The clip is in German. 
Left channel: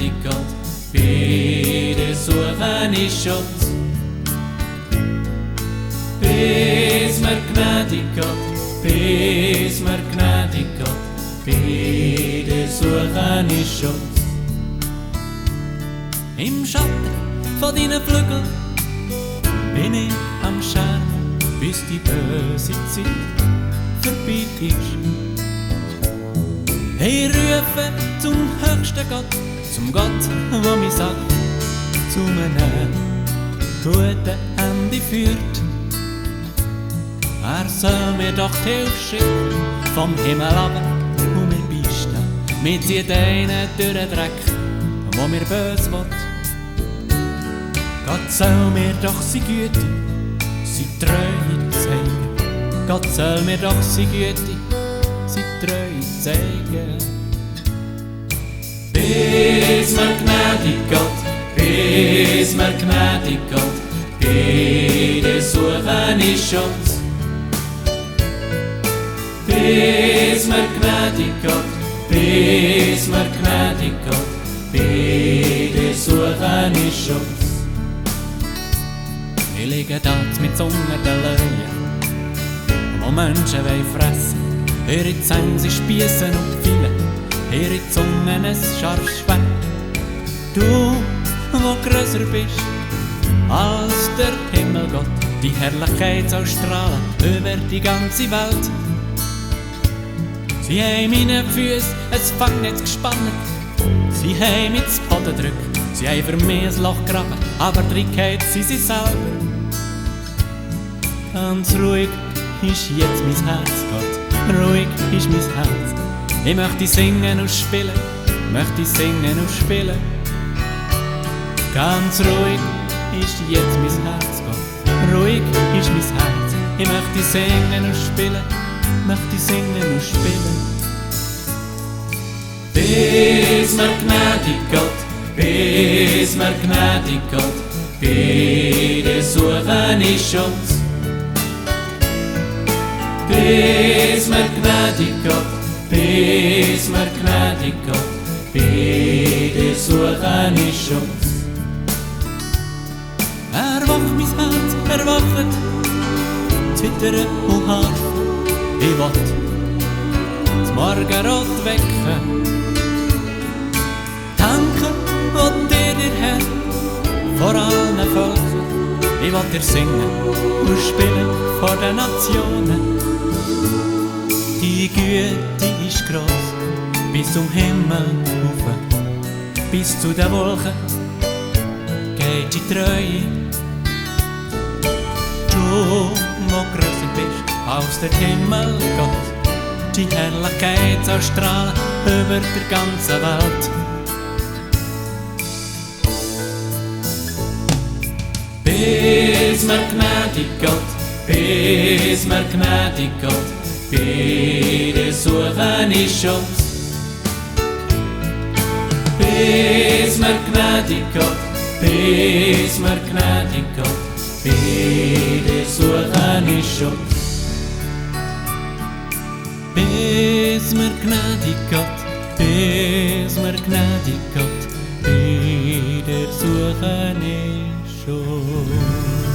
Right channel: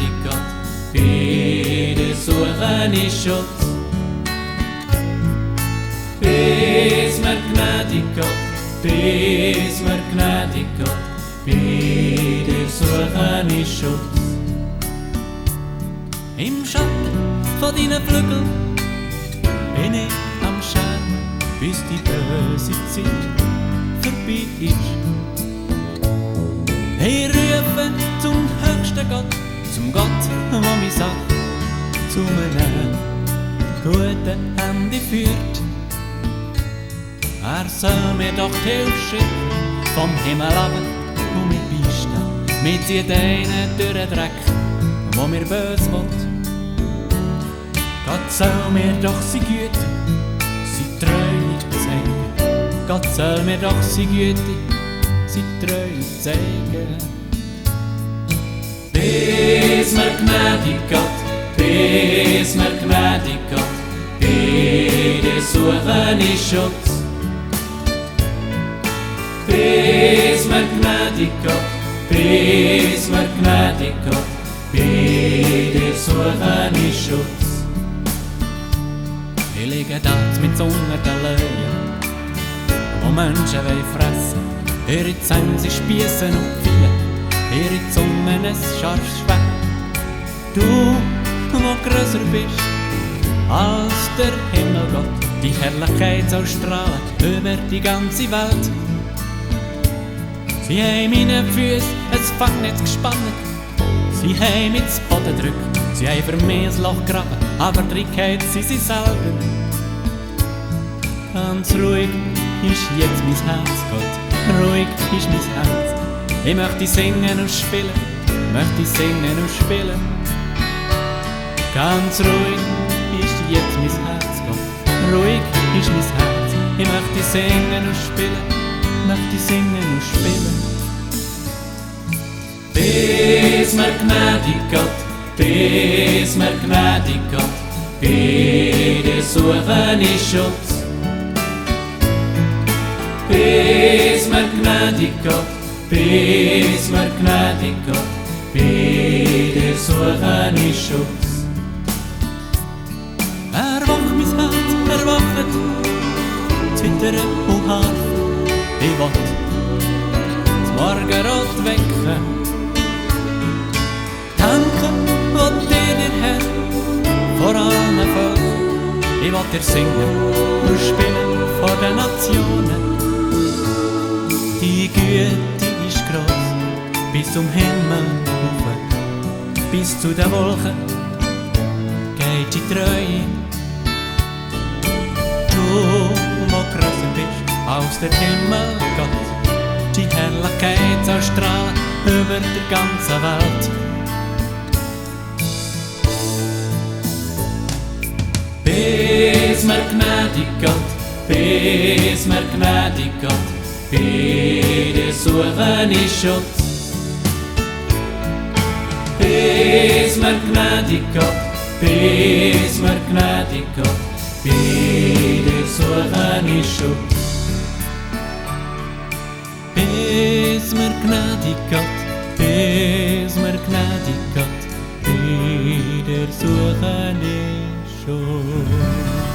gnädig Gott, bei dir suche ich Schutz. Bis mir gnädig Gott, bis mir gnädig Gott, bei dir suche ich Schutz. Im Schatten von deinen Flügeln bin ich am Schermen, bis die böse Zeit vorbei ist. Ich rufe zum höchsten Gott, zum Gott, der mich sagt, zu einem guten Ende führt. Er soll mir doch die Hilfe schicken, vom Himmel runter und mich beistehen. Mir zieht einen durch den Dreck, wo mir böse will. Gott soll mir doch seine Güte, seine Treue zeigen. Gott soll mir doch seine Güte, seine Treue zeigen. Bis mir gnädig Gott, bis mir gnädig Gott, bei dir suche ich Schutz. Bis mir gnädig Gott, bis mir gnädig Gott, bei dir suche ich Schutz. Ich liege dort mit unter den Löwen, wo Menschen fressen wollen. Ihre Zähne sind Spiessen und Pfeile, ihre Zungen ein scharfes Schwert. Du, wo grösser bist als der Himmelgott, die Herrlichkeit soll strahlen über die ganze Welt. Sie haben meine Füße ein Fangnetz gespannt, sie haben mich zu Boden gedrückt, sie haben für mich ein Loch graben, aber drin geht sie selber. Ganz ruhig ist jetzt mein Herz, Gott, ruhig ist mein Herz. Ich möchte singen und spielen, möchte singen und spielen. Ganz ruhig ist jetzt mein Herz, Gott, ruhig ist mein Herz. Ich möchte singen und spielen, möchte singen und spielen. Bis mir gnädig Gott, bis mir gnädig Gott, bei dir suche ich Schutz. Bis mir gnädig Gott, bis mir gnädig Gott, bei dir suche ich Schutz. Erwacht mein Herz, erwacht, zittern und harfen. Ich will das Morgenrot wecken. Danke, will dir der Herr vor allen Völkern. Ich will dir singen und spielen vor den Nationen. Die Güte ist gross, bis zum Himmel hoch, bis zu den Wolken geht die Treue. Du, wo grösser bist als der Himmel, Gott, die Herrlichkeit soll strahlen über der ganzen Welt. Bis mir gnädig Gott, bis mir gnädig Gott, bei dir suche ich Schutz. Bis mir gnädig Gott, bis mir gnädig Gott, bei dir suche ich Schutz. Bis mir gnädig Gott, bis mir gnädig Gott, bei dir suche ich Schutz.